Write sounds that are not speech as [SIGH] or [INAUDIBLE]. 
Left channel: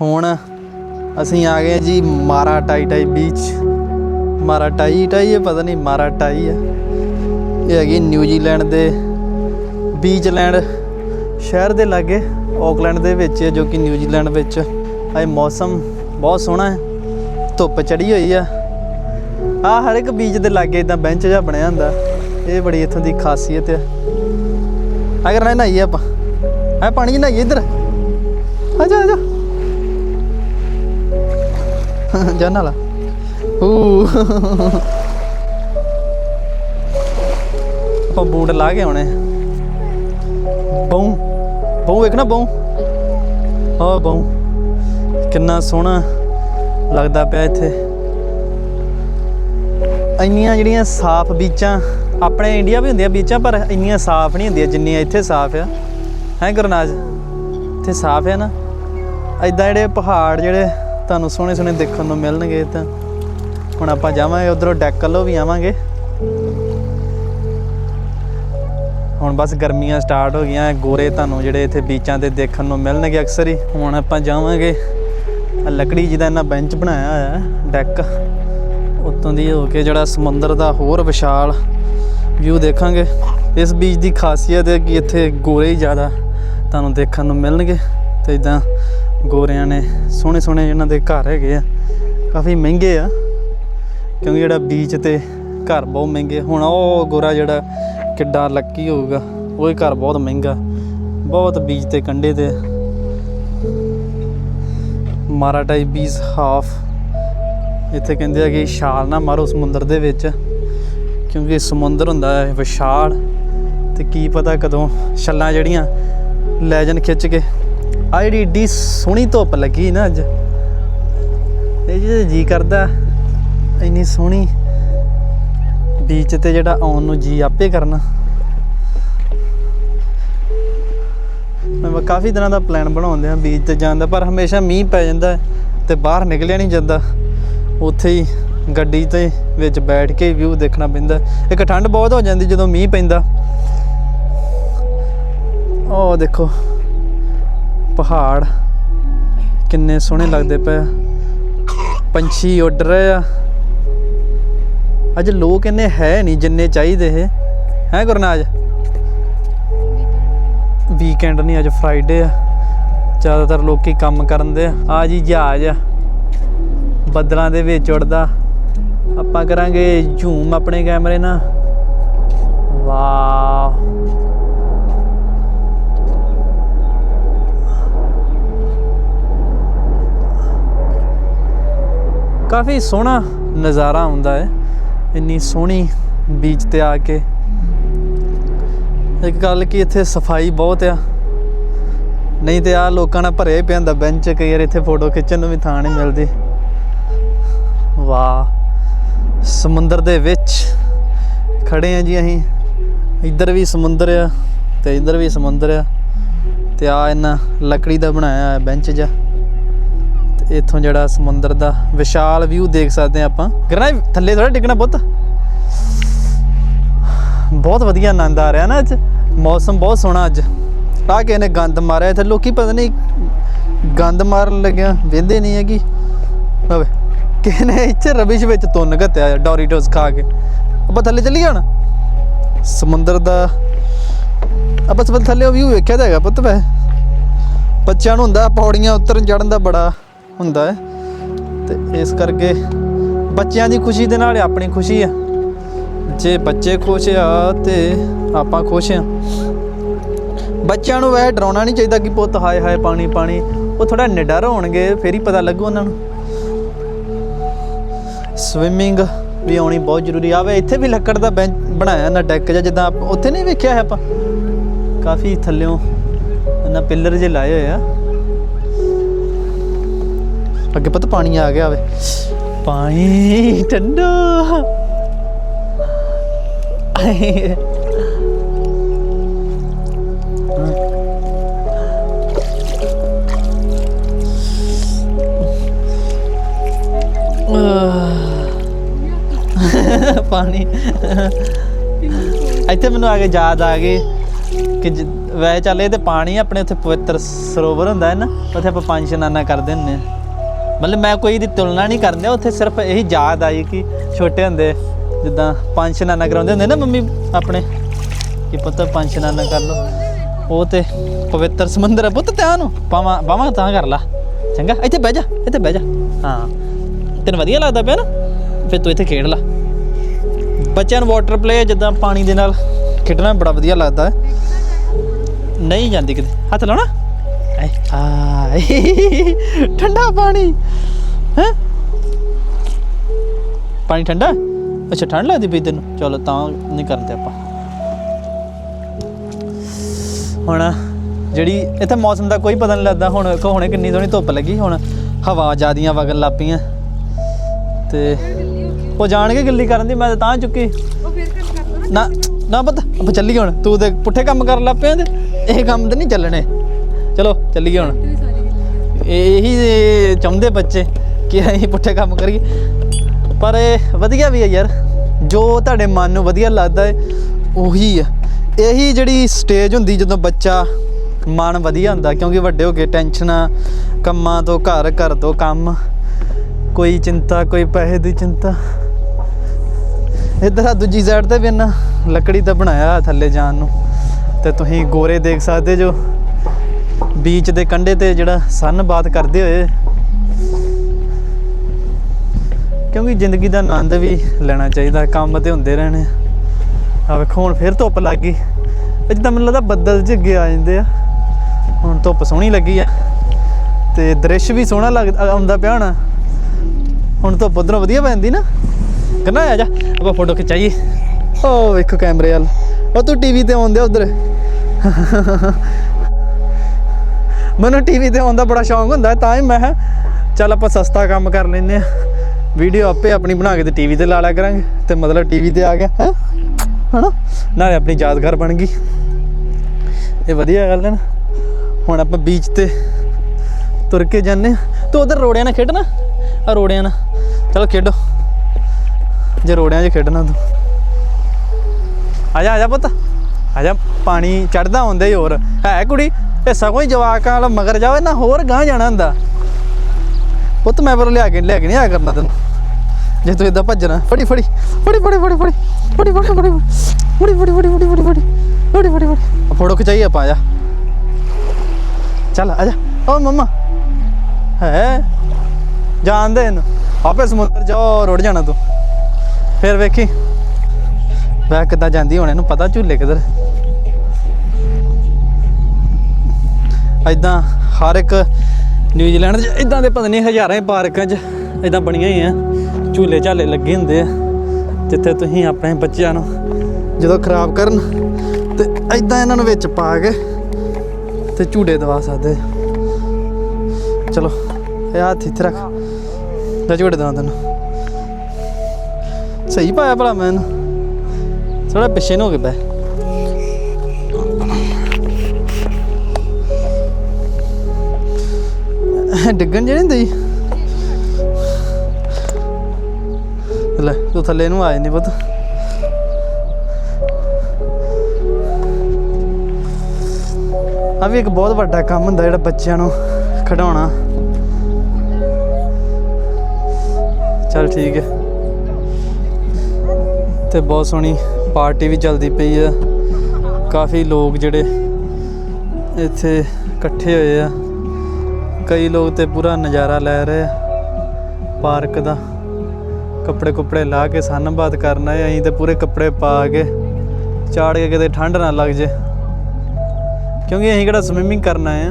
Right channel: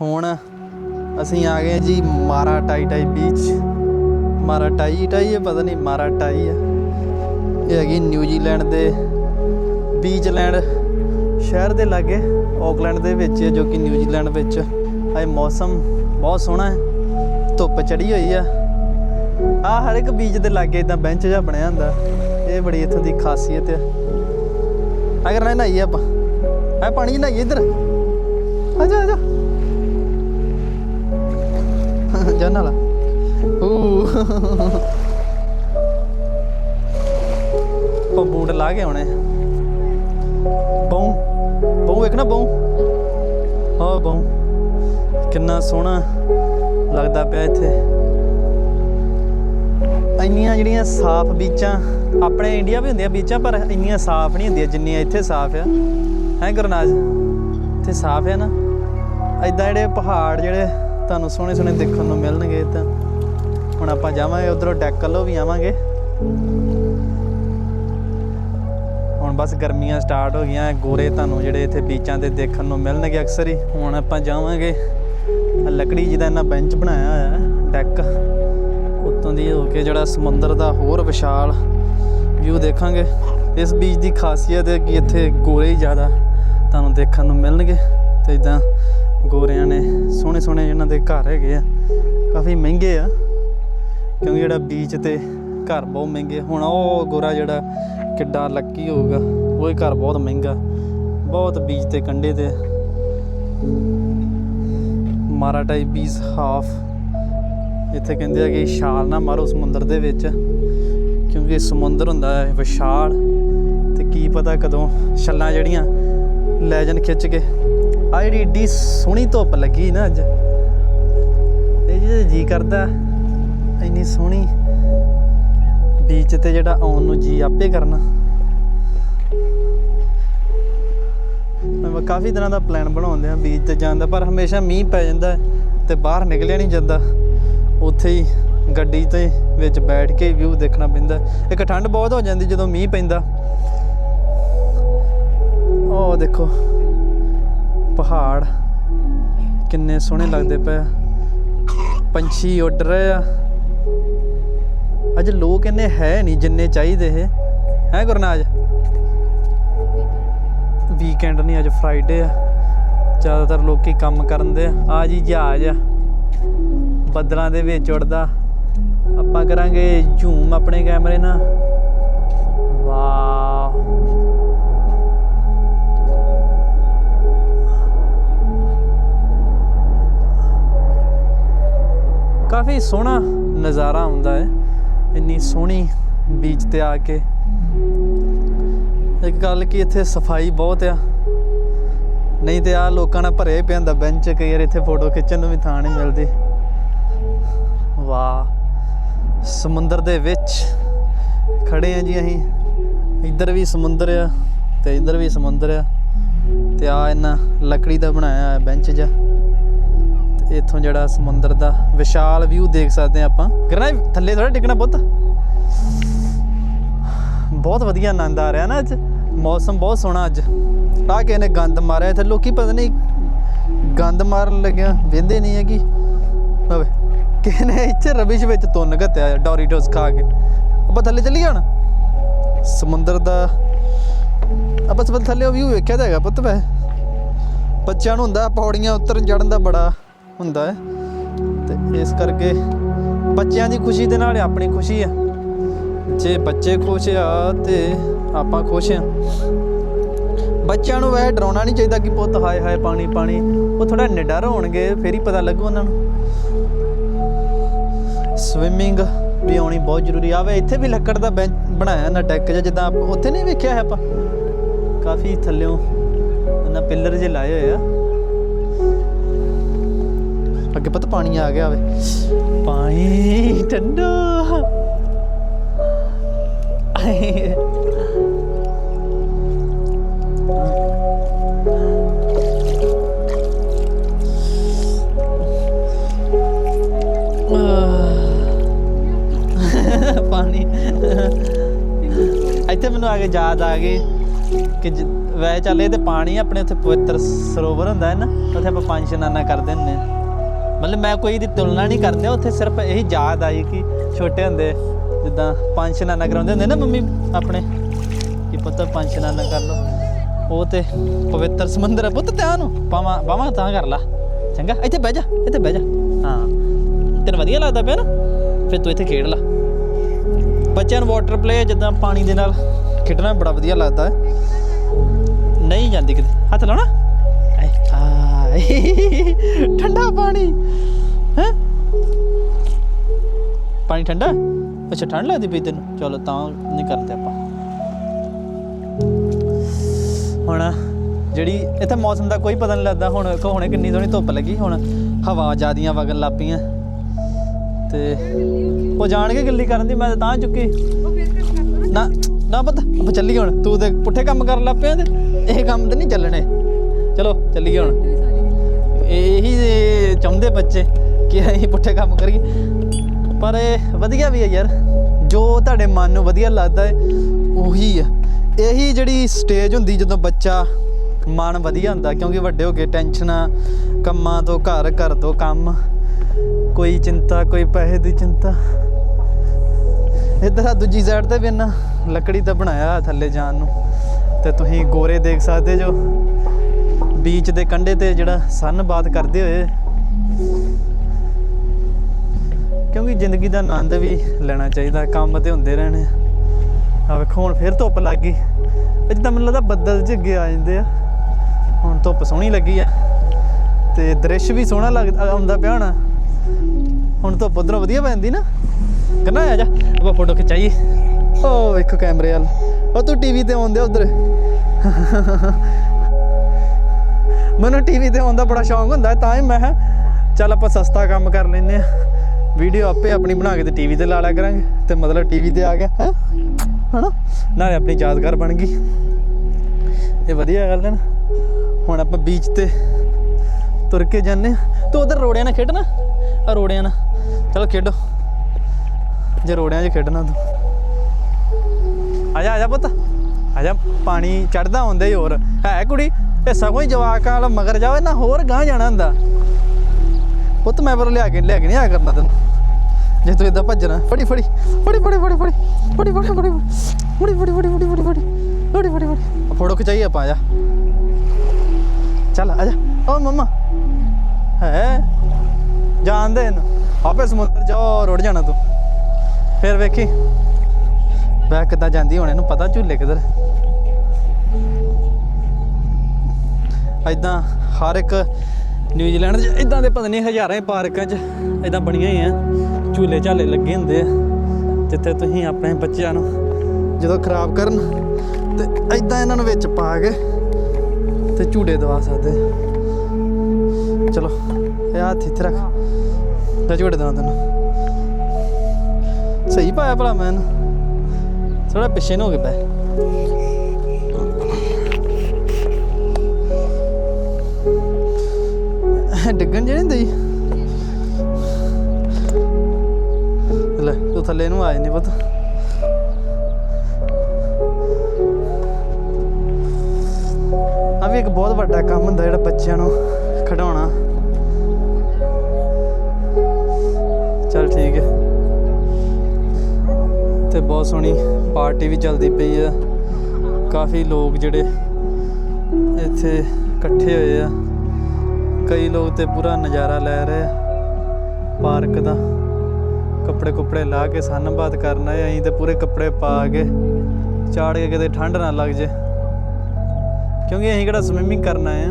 ਹੁਣ ਅਸੀਂ ਆ ਗਏ ਜੀ ਮਾਰਾ ਟਾਈ ਟਾਈ ਬੀਚ। ਮਾਰਾ ਟਾਈ ਟਾਈ ਇਹ ਪਤਾ ਨਹੀਂ ਮਾਰਾ ਟਾਈ ਹੈ। ਇਹ ਹੈਗੀ ਨਿਊਜ਼ੀਲੈਂਡ ਦੇ ਬੀਚਲੈਂਡ ਸ਼ਹਿਰ ਦੇ ਲਾਗੇ ਆਕਲੈਂਡ ਦੇ ਵਿੱਚ ਹੈ ਜੋ ਕਿ ਨਿਊਜ਼ੀਲੈਂਡ ਵਿੱਚ। ਅੱਜ ਮੌਸਮ ਬਹੁਤ ਸੋਹਣਾ ਹੈ। ਧੁੱਪ ਚੜੀ ਹੋਈ ਆ। ਆ ਹਰ ਇੱਕ ਬੀਚ ਦੇ ਲਾਗੇ ਇਦਾਂ ਬੈਂਚ ਜਿਹਾ ਬਣਿਆ ਹੁੰਦਾ। ਇਹ ਬੜੀ ਇੱਥੋਂ ਦੀ ਖਾਸੀਅਤ ਹੈ ਅਗਰ ਨਾ ਨਹਾਈਏ ਆਪਾਂ। ਹੈ, ਪਾਣੀ 'ਚ ਨਹਾਈਏ ਇੱਧਰ। ਆ ਜਾ ਆ ਜਾ। ਜਾ ਨਾਲਾ ਊ ਆਪਾਂ ਬੂਟ ਲਾ ਕੇ ਆਉਣੇ। ਬਹੁ। ਬਹੁ ਵੇਖ ਬਹੁ। ਆ ਬਹੁ, ਕਿੰਨਾ ਸੋਹਣਾ ਲੱਗਦਾ ਪਿਆ ਇੱਥੇ। ਇੰਨੀਆਂ ਜਿਹੜੀਆਂ ਸਾਫ਼ ਬੀਚਾਂ, ਆਪਣੇ ਇੰਡੀਆ ਵੀ ਹੁੰਦੀਆਂ ਬੀਚਾਂ, ਪਰ ਇੰਨੀਆਂ ਸਾਫ਼ ਨਹੀਂ ਹੁੰਦੀਆਂ ਜਿੰਨੀਆਂ ਇੱਥੇ ਸਾਫ਼ ਆ। ਹੈ ਗੁਰਨਾਜ? ਇੱਥੇ ਸਾਫ਼ ਆ ਨਾ। ਐਦਾਂ ਜਿਹੜੇ ਪਹਾੜ ਜਿਹੜੇ ਤੁਹਾਨੂੰ ਸੋਹਣੇ ਸੋਹਣੇ ਦੇਖਣ ਨੂੰ ਮਿਲਣਗੇ ਤਾਂ ਹੁਣ ਆਪਾਂ ਜਾਵਾਂਗੇ, ਉਧਰੋਂ ਡੈਕ ਵੱਲੋਂ ਵੀ ਆਵਾਂਗੇ। ਹੁਣ ਬਸ ਗਰਮੀਆਂ ਸਟਾਰਟ ਹੋ ਗਈਆਂ, ਗੋਰੇ ਤੁਹਾਨੂੰ ਜਿਹੜੇ ਇੱਥੇ ਬੀਚਾਂ ਤੇ ਦੇਖਣ ਨੂੰ ਮਿਲਣਗੇ ਅਕਸਰ ਹੀ। ਹੁਣ ਆਪਾਂ ਜਾਵਾਂਗੇ, ਆਹ ਲੱਕੜੀ ਜਿਹਦਾ ਇਹਨਾਂ ਬੈਂਚ ਬਣਾਇਆ ਹੋਇਆ ਹੈ ਡੈਕ ਉਤੋਂ ਦੀ ਹੋ ਕੇ ਜਿਹੜਾ ਸਮੁੰਦਰ ਦਾ ਹੋਰ ਵਿਸ਼ਾਲ ਵਿਊ ਦੇਖਾਂਗੇ। ਇਸ ਬੀਚ ਦੀ ਖਾਸੀਅਤ ਹੈ ਕਿ ਇੱਥੇ ਗੋਰੇ ਹੀ ਜ਼ਿਆਦਾ ਤੁਹਾਨੂੰ ਦੇਖਣ ਨੂੰ ਮਿਲਣਗੇ। ਤੇ ਇਦਾਂ ਗੋਰਿਆਂ ਨੇ ਸੋਹਣੇ ਸੋਹਣੇ ਇਹਨਾਂ ਦੇ ਘਰ ਹੈਗੇ ਆ, ਕਾਫੀ ਮਹਿੰਗੇ ਆ, ਕਿਉਂਕਿ ਜਿਹੜਾ ਬੀਚ ਤੇ ਘਰ ਬਹੁਤ ਮਹਿੰਗੇ ਹੁਣ ਉਹ ਗੋਰਾ ਜਿਹੜਾ ਕਿੱਡਾ ਲੱਕੀ ਹੋਊਗਾ, ਉਹ ਹੀ ਘਰ ਬਹੁਤ ਮਹਿੰਗਾ। ਬਹੁਤ ਬੀਜ ਤੇ ਕੰਡੇ ਤੇ ਮਾਰਾ ਟਾਈਪ ਬੀਜ ਹਾਫ ਇੱਥੇ ਕਹਿੰਦੇ ਆ ਕਿ ਛਾਲ ਨਾ ਮਾਰੋ ਸਮੁੰਦਰ ਦੇ ਵਿੱਚ, ਕਿਉਂਕਿ ਸਮੁੰਦਰ ਹੁੰਦਾ ਹੈ ਵਿਸ਼ਾਲ। ਤੇ ਕੀ ਪਤਾ ਕਦੋਂ ਛੱਲਾਂ ਜਿਹੜੀਆਂ ਲੈ ਜਾਣ ਖਿੱਚ ਕੇ। ਆ ਜਿਹੜੀ ਏਡੀ ਸੋਹਣੀ ਧੁੱਪ ਲੱਗੀ ਨਾ ਅੱਜ, ਇਹ ਜੀ ਜੀ ਕਰਦਾ, ਇੰਨੀ ਸੋਹਣੀ ਬੀਚ ਤੇ ਜਿਹੜਾ ਆਉਣ ਨੂੰ ਜੀ ਆਪੇ ਕਰਨਾ। ਮੈਂ ਕਾਫੀ ਦਿਨਾਂ ਦਾ ਪਲਾਨ ਬਣਾਉਂਦੇ ਆ ਬੀਚ ਤੇ ਜਾਣ ਦਾ, ਪਰ ਹਮੇਸ਼ਾ ਮੀਂਹ ਪੈ ਜਾਂਦਾ ਤੇ ਬਾਹਰ ਨਿਕਲਿਆ ਨਹੀਂ ਜਾਂਦਾ। ਉੱਥੇ ਹੀ ਗੱਡੀ ਤੇ ਵਿੱਚ ਬੈਠ ਕੇ ਵਿਊ ਦੇਖਣਾ ਪੈਂਦਾ। ਇੱਕ ਠੰਡ ਬਹੁਤ ਹੋ ਜਾਂਦੀ ਜਦੋਂ ਮੀਂਹ ਪੈਂਦਾ। ਉਹ ਦੇਖੋ। ਪਹਾੜ ਕਿੰਨੇ ਸੋਹਣੇ ਲੱਗਦੇ ਪਏ ਪੰਛੀ ਉੱਡ ਰਹੇ ਆ। ਅੱਜ ਲੋਕ ਇੰਨੇ ਹੈ ਨਹੀਂ ਜਿੰਨੇ ਚਾਹੀਦੇ ਇਹ। ਹੈ ਗੁਰਨਾਜ? ਵੀਕਐਂਡ ਨਹੀਂ, ਅੱਜ ਫਰਾਈਡੇ ਆ। ਜ਼ਿਆਦਾਤਰ ਲੋਕੀ ਕੰਮ ਕਰਨ ਦੇ ਆ। ਜੀ ਜਹਾਜ਼ ਆ। ਬੱਦਲਾਂ ਦੇ ਵਿੱਚ ਉੜਦਾ ਆਪਾਂ ਕਰਾਂਗੇ ਝੂਮ ਆਪਣੇ ਕੈਮਰੇ ਨਾਲ। ਕਾਫੀ ਸੋਹਣਾ ਨਜ਼ਾਰਾ ਆਉਂਦਾ ਹੈ। ਇੰਨੀ ਸੋਹਣੀ ਬੀਚ ਤੇ ਆ ਕੇ। ਇੱਕ ਗੱਲ ਕਿ ਇੱਥੇ ਸਫ਼ਾਈ ਬਹੁਤ ਆ। ਨਹੀਂ ਤੇ ਆ ਲੋਕਾਂ ਨਾਲ ਭਰੇ ਪਿਆ ਹੁੰਦਾ ਬੈਂਚ ਕਈ ਵਾਰ ਇੱਥੇ ਫੋਟੋ ਖਿੱਚਣ ਨੂੰ ਵੀ ਥਾਂ ਨਹੀਂ ਮਿਲਦੀ। ਵਾਹ, ਸਮੁੰਦਰ ਦੇ ਵਿੱਚ ਖੜੇ ਆ ਜੀ ਅਸੀਂ। ਇੱਧਰ ਵੀ ਸਮੁੰਦਰ ਆ ਤੇ ਇੱਧਰ ਵੀ ਸਮੁੰਦਰ ਆ। ਤੇ ਆ ਇਹਨਾਂ ਲੱਕੜੀ ਦਾ ਬਣਾਇਆ ਬੈਂਚ ਜਿਹਾ। ਇੱਥੋਂ ਜਿਹੜਾ ਸਮੁੰਦਰ ਦਾ ਵਿਸ਼ਾਲ ਵਿਊ ਦੇਖ ਸਕਦੇ ਆ ਆਪਾਂ। ਗਰਨਾ ਥੱਲੇ ਥੋੜਾ ਡਿੱਗਣਾ ਪੁੱਤ। ਬਹੁਤ ਵਧੀਆ ਆਨੰਦ ਆ ਰਿਹਾ ਨਾ ਅੱਜ। ਮੌਸਮ ਬਹੁਤ ਸੋਹਣਾ ਅੱਜ। ਆ ਕੇ ਨੇ ਗੰਦ ਮਾਰਿਆ, ਇੱਥੇ ਲੋਕੀ ਪਤਾ ਨਹੀਂ ਗੰਦ ਮਾਰਨ ਲੱਗਿਆ, ਵੇਂਦੇ ਨਹੀਂ ਹੈਗੀ। ਹੋਵੇ ਕਿਹਨੇ ਇੱਥੇ ਰਬਿਸ਼ ਵਿੱਚ ਤੁੰਨ ਘੱਤਿਆ, ਡੋਰੀਟੋਸ ਖਾ ਕੇ। ਆਪਾਂ ਥੱਲੇ ਚੱਲੀ ਹੁਣ। ਸਮੁੰਦਰ ਦਾ ਆਪਾਂ ਸਭ ਥੱਲੇ ਵਿਊ ਵੇਖਿਆ ਤਾਂ ਹੈਗਾ ਪੁੱਤ ਵੈ ਬੱਚਿਆਂ ਨੂੰ ਹੁੰਦਾ ਪੌੜੀਆਂ ਉਤਰਨ ਚੜਨ ਦਾ ਬੜਾ। ਹੁੰਦਾ ਹੈ। ਤੇ ਇਸ ਕਰਕੇ ਬੱਚਿਆਂ ਦੀ ਖੁਸ਼ੀ ਦੇ ਨਾਲ ਆਪਣੀ ਖੁਸ਼ੀ ਆ। ਜੇ ਬੱਚੇ ਖੁਸ਼ ਆ ਤੇ ਆਪਾਂ ਖੁਸ਼ ਆ। ਬੱਚਿਆਂ ਨੂੰ ਵੈ ਡਰਾਉਣਾ ਨਹੀਂ ਚਾਹੀਦਾ ਕਿ ਪੁੱਤ ਹਾਏ ਹਾਏ ਪਾਣੀ ਪਾਣੀ, ਉਹ ਥੋੜਾ ਨਿਡਰ ਹੋਣਗੇ, ਫੇਰ ਹੀ ਪਤਾ ਲੱਗੂ ਉਹਨਾਂ ਨੂੰ। ਸਵਿਮਿੰਗ ਵੀ ਆਉਣੀ ਬਹੁਤ ਜ਼ਰੂਰੀ ਆ। ਵੇ ਇੱਥੇ ਵੀ ਲੱਕੜ ਦਾ ਬੈਂਚ ਬਣਾਇਆ ਨਾ ਡੈਕ ਜਿਹਾ, ਜਿੱਦਾਂ ਆਪ- ਉੱਥੇ ਨਹੀਂ ਵੇਖਿਆ ਹੈ ਆਪਾਂ? ਕਾਫੀ ਥੱਲਿਓਂ ਇਹਨਾਂ ਪਿੱਲਰ ਜੇ ਲਾਏ ਹੋਏ ਆ। ਅੱਗੇ ਪਤਾ ਪਾਣੀ ਆ ਗਿਆ ਵੇ। ਪਾਣੀ ਠੰਡਾ। ਪਾਣੀ। ਇੱਥੇ ਮੈਨੂੰ ਆ ਕੇ ਯਾਦ ਆ ਗਈ ਕਿ ਜ- ਵੈਸੇ ਚੱਲ ਇਹ ਤੇ ਪਾਣੀ ਆਪਣੇ ਉੱਥੇ ਪਵਿੱਤਰ ਸਰੋਵਰ ਹੁੰਦਾ ਹੈ ਨਾ, ਉੱਥੇ ਆਪਾਂ ਪੰਜ ਇਸ਼ਨਾਨਾ ਕਰਦੇ ਹੁੰਦੇ ਆ ਮਤਲਬ ਮੈਂ ਕੋਈ ਇਹਦੀ ਤੁਲਨਾ ਨਹੀਂ ਕਰਦੇ ਉੱਥੇ ਸਿਰਫ ਇਹੀ ਯਾਦ ਆਈ ਕਿ ਛੋਟੇ ਹੁੰਦੇ ਜਿੱਦਾਂ ਪੰਜ ਇਸ਼ਨਾਨਾ ਕਰਾਉਂਦੇ ਹੁੰਦੇ ਨਾ ਮੰਮੀ ਆਪਣੇ, ਕਿ ਪੁੱਤ ਪੰਜ ਇਸ਼ਨਾਨਾ ਕਰ ਲੋ ਉਹ ਤੇ ਪਵਿੱਤਰ ਸਮੁੰਦਰ ਹੈ ਪੁੱਤ ਧਿਆਨ ਨੂੰ ਪਾਵਾਂ ਬਾਵਾਂ ਤਾਂ ਕਰ ਲਾ। ਚੰਗਾ, ਇੱਥੇ ਬਹਿ ਜਾ, ਇੱਥੇ ਬਹਿ ਜਾ। ਹਾਂ, ਤੈਨੂੰ ਵਧੀਆ ਲੱਗਦਾ ਪਿਆ ਨਾ? ਫਿਰ ਤੂੰ ਇੱਥੇ ਖੇਡ ਲਾ। ਬੱਚਿਆਂ ਨੂੰ ਵਾਟਰ ਪਲੇ ਜਿੱਦਾਂ ਪਾਣੀ ਦੇ ਨਾਲ ਖੇਡਣਾ ਬੜਾ ਵਧੀਆ ਲੱਗਦਾ ਹੈ। ਨਹੀਂ ਜਾਂਦੀ ਕਿਤੇ। ਹੱਥ ਲਾਉਣਾ? ਆ [LAUGHS] ਠੰਡਾ ਪਾਣੀ, ਹੈ? ਪਾਣੀ ਠੰਡਾ? ਅੱਛਾ, ਠੰਡ ਲੱਗਦੀ ਪਈ ਤੈਨੂੰ? ਚਲੋ ਤਾਂ ਨਹੀਂ ਕਰਦੇ ਆਪਾਂ। ਹੁਣ ਜਿਹੜੀ ਇੱਥੇ ਮੌਸਮ ਦਾ ਕੋਈ ਪਤਾ ਨਹੀਂ ਲੱਗਦਾ, ਹੁਣ ਵੇਖੋ ਹੁਣੇ ਕਿੰਨੀ ਸੋਹਣੀ ਧੁੱਪ ਲੱਗੀ, ਹੁਣ ਹਵਾ ਜ਼ਿਆਦੀਆਂ ਵਗਣ ਲੱਗ ਪਈਆਂ। ਤੇ ਉਹ ਜਾਣ ਕੇ ਗਿੱਲੀ ਕਰਨ ਦੀ, ਮੈਂ ਤਾਂ ਤਾਂ ਚੁੱਕੀ। ਨਾ ਨਾ ਪਤਾ, ਆਪਾਂ ਚੱਲੀਏ ਹੁਣ। ਤੂੰ ਤੇ ਪੁੱਠੇ ਕੰਮ ਕਰਨ ਲੱਗ ਪਿਆ ਤੇ, ਇਹ ਕੰਮ ਤੇ ਨਹੀਂ ਚੱਲਣੇ। ਚਲੋ, ਚੱਲੀਏ ਹੁਣ। ਇਹੀ ਚਾਹੁੰਦੇ ਬੱਚੇ ਕਿ ਅਸੀਂ ਪੁੱਠੇ ਕੰਮ ਕਰੀਏ। ਪਰ ਇਹ ਵਧੀਆ ਵੀ ਹੈ ਯਾਰ। ਜੋ ਤੁਹਾਡੇ ਮਨ ਨੂੰ ਵਧੀਆ ਲੱਗਦਾ ਹੈ, ਉਹੀ ਆ। ਇਹੀ ਜਿਹੜੀ ਸਟੇਜ ਹੁੰਦੀ ਜਦੋਂ ਬੱਚਾ ਮਨ ਵਧੀਆ ਹੁੰਦਾ, ਕਿਉਂਕਿ ਵੱਡੇ ਹੋ ਕੇ ਟੈਨਸ਼ਨਾਂ, ਕੰਮਾਂ ਤੋਂ ਘਰ ਘਰ ਤੋਂ ਕੰਮ, ਕੋਈ ਚਿੰਤਾ, ਕੋਈ ਪੈਸੇ ਦੀ ਚਿੰਤਾ। ਇੱਧਰ ਆ ਦੂਜੀ ਸਾਈਡ ਤੇ ਵੀ ਨਾ ਲੱਕੜੀ ਦਾ ਬਣਾਇਆ ਥੱਲੇ ਜਾਣ ਨੂੰ। ਤੇ ਤੁਸੀਂ ਗੋਰੇ ਦੇਖ ਸਕਦੇ ਜੋ। ਬੀਚ ਦੇ ਕੰਢੇ ਤੇ ਜਿਹੜਾ ਸਨ ਬਾਤ ਕਰਦੇ ਹੋਏ, ਕਿਉਂਕਿ ਜ਼ਿੰਦਗੀ ਦਾ ਆਨੰਦ ਵੀ ਲੈਣਾ ਚਾਹੀਦਾ, ਕੰਮ ਤੇ ਹੁੰਦੇ ਰਹਿਣੇ। ਆ ਵੇਖੋ, ਹੁਣ ਫਿਰ ਧੁੱਪ ਲੱਗ ਗਈ। ਜਿੱਦਾਂ ਮੈਨੂੰ ਲੱਗਦਾ ਬੱਦਲ ਝੱਗੇ ਆ ਜਾਂਦੇ ਆ। ਹੁਣ ਧੁੱਪ ਸੋਹਣੀ ਲੱਗੀ ਆ। ਤੇ ਦ੍ਰਿਸ਼ ਵੀ ਸੋਹਣਾ ਲੱਗ, ਆਉਂਦਾ ਪਿਆ ਹੋਣਾ। ਹੁਣ ਧੁੱਪ ਉਧਰੋਂ ਵਧੀਆ ਪੈਂਦੀ ਨਾ। ਕਹਿੰਦਾ ਆ ਜਾ? ਆਪਾਂ ਫੋਟੋ ਖਿਚਾਈਏ। ਓ ਵੇਖੋ ਕੈਮਰੇ ਵੱਲ। ਉਹ ਤੂੰ ਟੀਵੀ ਤੇ ਆਉਂਦੇ ਉਧਰ। ਮੈਨੂੰ ਟੀਵੀ ਤੇ ਆਉਣ ਦਾ ਬੜਾ ਸ਼ੌਂਕ ਹੁੰਦਾ ਤਾਂ ਹੀ ਮੈਂ ਕਿਹਾ, ਚੱਲ ਆਪਾਂ ਸਸਤਾ ਕੰਮ ਕਰ ਲੈਨੇ ਆ ਵੀਡੀਓ ਆਪੇ ਆਪਣੀ ਬਣਾ ਕੇ ਤੇ ਟੀਵੀ ਤੇ ਲਾ ਲਿਆ ਕਰਾਂਗੇ, ਤੇ ਮਤਲਬ ਟੀਵੀ ਤੇ ਆ ਗਿਆ, ਹੈ? ਹਨਾ? ਨਾਲੇ ਆਪਣੀ ਯਾਦਗਾਰ ਬਣ ਗਈ। ਇਹ ਵਧੀਆ ਗੱਲ ਹੈ ਨਾ। ਹੁਣ ਆਪਾਂ ਬੀਚ ਤੇ ਤੁਰ ਕੇ ਜਾਂਦੇ ਹਾਂ। ਤੂੰ ਉਧਰ ਰੋੜਿਆਂ ਨਾਲ ਖੇਡਣਾ ਆ ਰੋੜਿਆਂ ਨਾਲ। ਚਲੋ ਖੇਡੋ। ਜੇ ਰੋੜਿਆਂ 'ਚ ਖੇਡਣਾ ਤੂੰ। ਆ ਜਾ ਆ ਜਾ ਪੁੱਤ। ਆ ਜਾ, ਪਾਣੀ ਚੜਦਾ ਹੁੰਦਾ ਹੀ ਹੋਰ। ਹੈ ਕੁੜੀ? ਇਹ ਸਗੋਂ ਹੀ ਜਵਾਕਾਂ ਵਾਲਾ ਮਗਰ ਜਾਵੇ ਨਾ ਹੋਰ ਗਾਂ ਜਾਣਾ ਹੁੰਦਾ ਪੁੱਤ ਮੈਂ ਪਰ ਲਿਆ ਕੇ ਲਿਆ ਕੇ ਨਹੀਂ ਆ ਕਰਨਾ ਤੈਨੂੰ ਜੇ ਤੂੰ ਇਦਾਂ ਭੱਜਣਾ ਫੜੀ ਫੜੀ ਫੜੀ ਫੜੀ ਫੜੀ ਫੜੀ ਫੜੀ ਫੜੀ ਫੜੀ ਫੜੀ ਫੜੀ ਫੜੀ ਫੜੀ ਫੜੀ ਫੜੀ ਫੜੀ ਫੜੀ ਫੜੀ ਫੋਟੋ ਖਿਚਾਈ ਆਪਾਂ ਆ ਜਾ ਚੱਲ ਆ ਜਾ ਓ ਮੰਮਾ ਹੈ ਜਾਣਦੇ ਇਹਨੂੰ ਆਪੇ ਸਮੁੰਦਰ ਜਾਓ ਰੁੜ ਜਾਣਾ ਤੂੰ ਫਿਰ ਵੇਖੀ ਮੈਂ ਕਿੱਦਾਂ ਜਾਂਦੀ ਹੁਣ ਇਹਨੂੰ ਪਤਾ ਝੂਲੇ ਕਿਧਰ ਐਦਾਂ ਹਰ ਇੱਕ ਨਿਊਜ਼ੀਲੈਂਡ 'ਚ ਇਦਾਂ ਦੇ ਪਤਾ ਨਹੀਂ ਹਜ਼ਾਰਾਂ ਪਾਰਕਾਂ 'ਚ ਇਦਾਂ ਬਣੀਆਂ ਹੀ ਆ। ਝੂਲੇ ਝਾਲੇ ਲੱਗੇ ਹੁੰਦੇ ਆ, ਜਿੱਥੇ ਤੁਸੀਂ ਆਪਣੇ ਬੱਚਿਆਂ ਨੂੰ ਜਦੋਂ ਖਰਾਬ ਕਰਨ ਤੇ ਐਦਾਂ ਇਹਨਾਂ ਨੂੰ ਵਿੱਚ ਪਾ ਕੇ ਤੇ ਝੂਟੇ ਦਵਾ ਸਕਦੇ ਚਲੋ, ਇਹ ਹੱਥ ਇੱਥੇ ਰੱਖ। ਲੈ ਝੂਟੇ ਦਵਾ ਤੈਨੂੰ। ਸਹੀ ਪਾਇਆ ਭਲਾ ਮੈਂ ਥੋੜਾ ਪਿੱਛੇ ਨੂੰ ਹੋ ਕੇ ਬੈ ਡਿੱਗਣ ਜਿਹੜੇ ਹੁੰਦੇ ਜੀ ਲੈ, ਤੂੰ ਥੱਲੇ ਨੂੰ ਆਏ ਨਹੀਂ ਪੁੱਤ। ਆ ਵੀ ਇੱਕ ਬਹੁਤ ਵੱਡਾ ਕੰਮ ਹੁੰਦਾ ਜਿਹੜਾ ਬੱਚਿਆਂ ਨੂੰ ਖਿਡਾਉਣਾ। ਚਲ ਠੀਕ ਹੈ। ਤੇ ਬਹੁਤ ਸੋਹਣੀ ਪਾਰਟੀ ਵੀ ਚੱਲਦੀ ਪਈ ਆ। ਕਾਫੀ ਲੋਕ ਜਿਹੜੇ ਇੱਥੇ ਇਕੱਠੇ ਹੋਏ ਆ। ਕਈ ਲੋਕ ਤੇ ਪੂਰਾ ਨਜ਼ਾਰਾ ਲੈ ਰਹੇ ਆ ਪਾਰਕ ਦਾ। ਕੱਪੜੇ ਕੁੱਪੜੇ ਲਾ ਕੇ ਸੰਨਬਾਦ ਕਰਨਾ ਹੈ ਅਸੀਂ ਤੇ ਪੂਰੇ ਕੱਪੜੇ ਪਾ ਕੇ ਚਾੜ ਕੇ ਕਿਤੇ ਠੰਡ ਨਾ ਲੱਗ ਜੇ। ਕਿਉਂਕਿ ਅਸੀਂ ਕਿਹੜਾ ਸਵਿਮਿੰਗ ਕਰਨਾ ਆਏ